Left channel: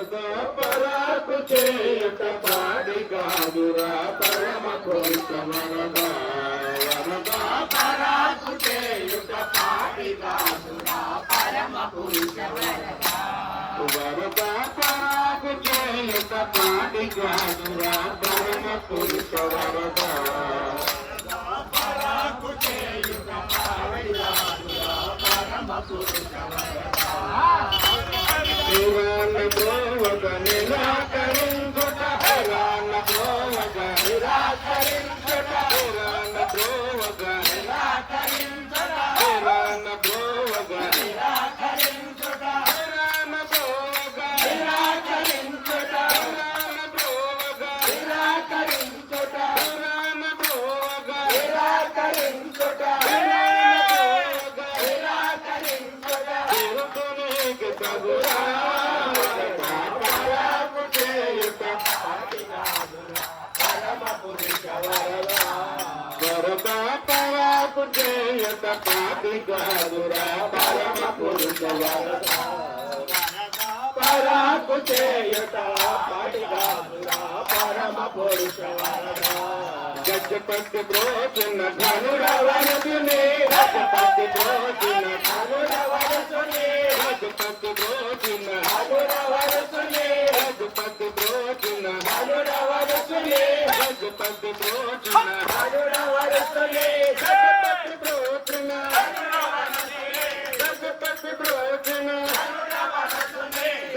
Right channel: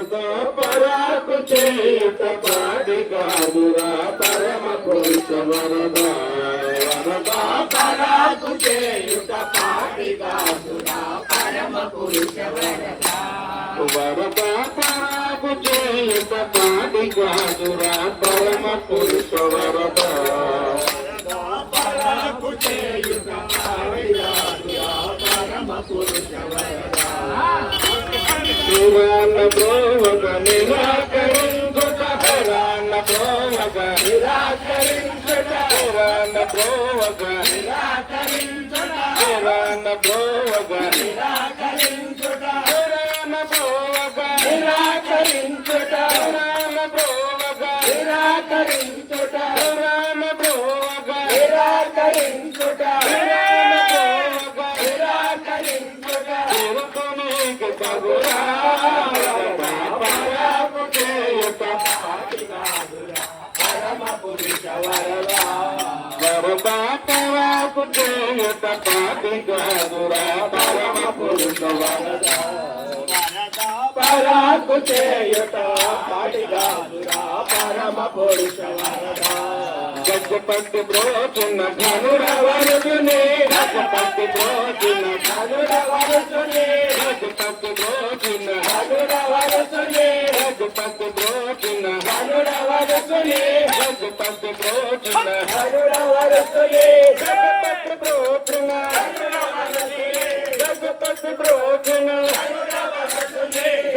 పరాకు చేయుట పాడి కాదురా పరమ పురుష పరాకు చేయుట పాడి కాదురా పరమ పురుష పరాకు చేయుట పాడి కాదురా పరమ పరాకు చేయుట పాడి కాదురా పరమ I'm a boy, I'm a boy, I'm a boy. పరాకు చేయుట పాటిగాదురా పరమ పురుషవరదా Gajapati బ్రోచున్న ధనురవరుచుని Gajapati బ్రోచున్న ధనురవరుచుని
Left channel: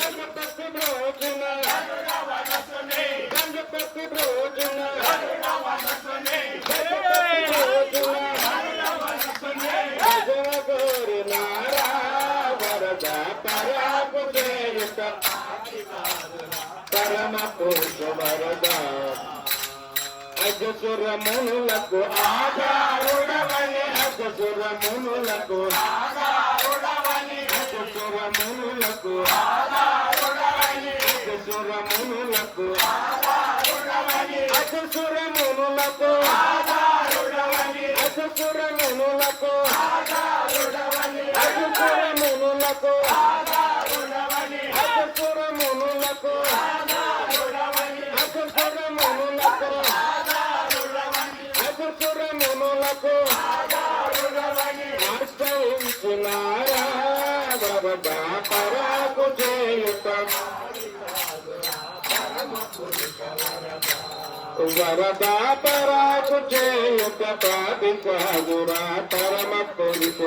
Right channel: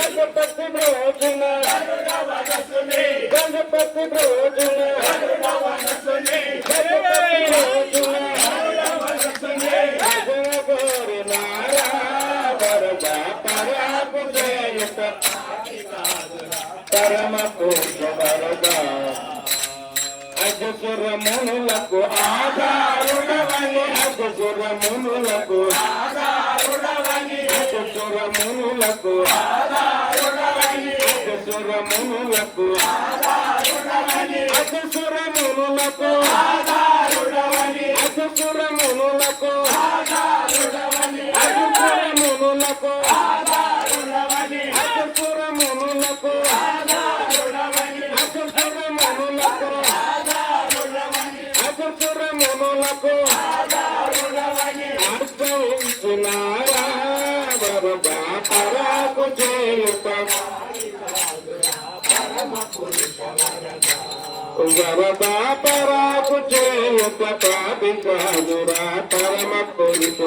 Gandhi Pati Brojana, Gandhi Pati Brojana, పరమ పురుష వరద అజసురమునులకు ఆధారుడవని. అజసురమునులకు ఆధారుడవని. అజసురమునులకు ఆధారుడవని. అజసురమునులకు ఆధారుడవని. అజసురమునులకు ఆధారుడవని. అజసురమునులకు ఆధారుడవని. నాకు నడుస్తున్నారా పరాకు చేయుత వరదా పరాకు చేయుత పాదింపదురా పరమ పొలిప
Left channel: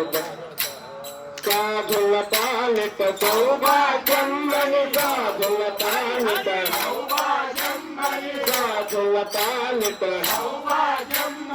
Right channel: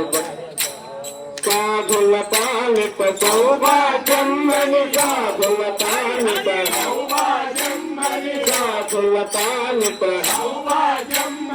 సాధుల పాలిప సౌభాగ్యమ్మని సాధుల పాలిప సౌభాగ్యమ్మని సాధుల పాలిప సౌభాగ్యం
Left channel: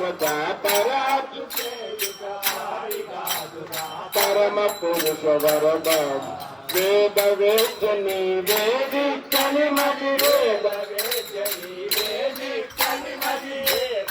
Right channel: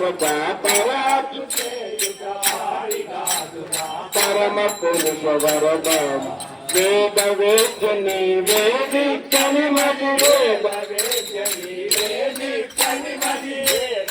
దేవతా పరా పరమ పురుష వరదం వేద వేద్యని వేది కనిమది వేద వేద్యని వేది కనిమది వేద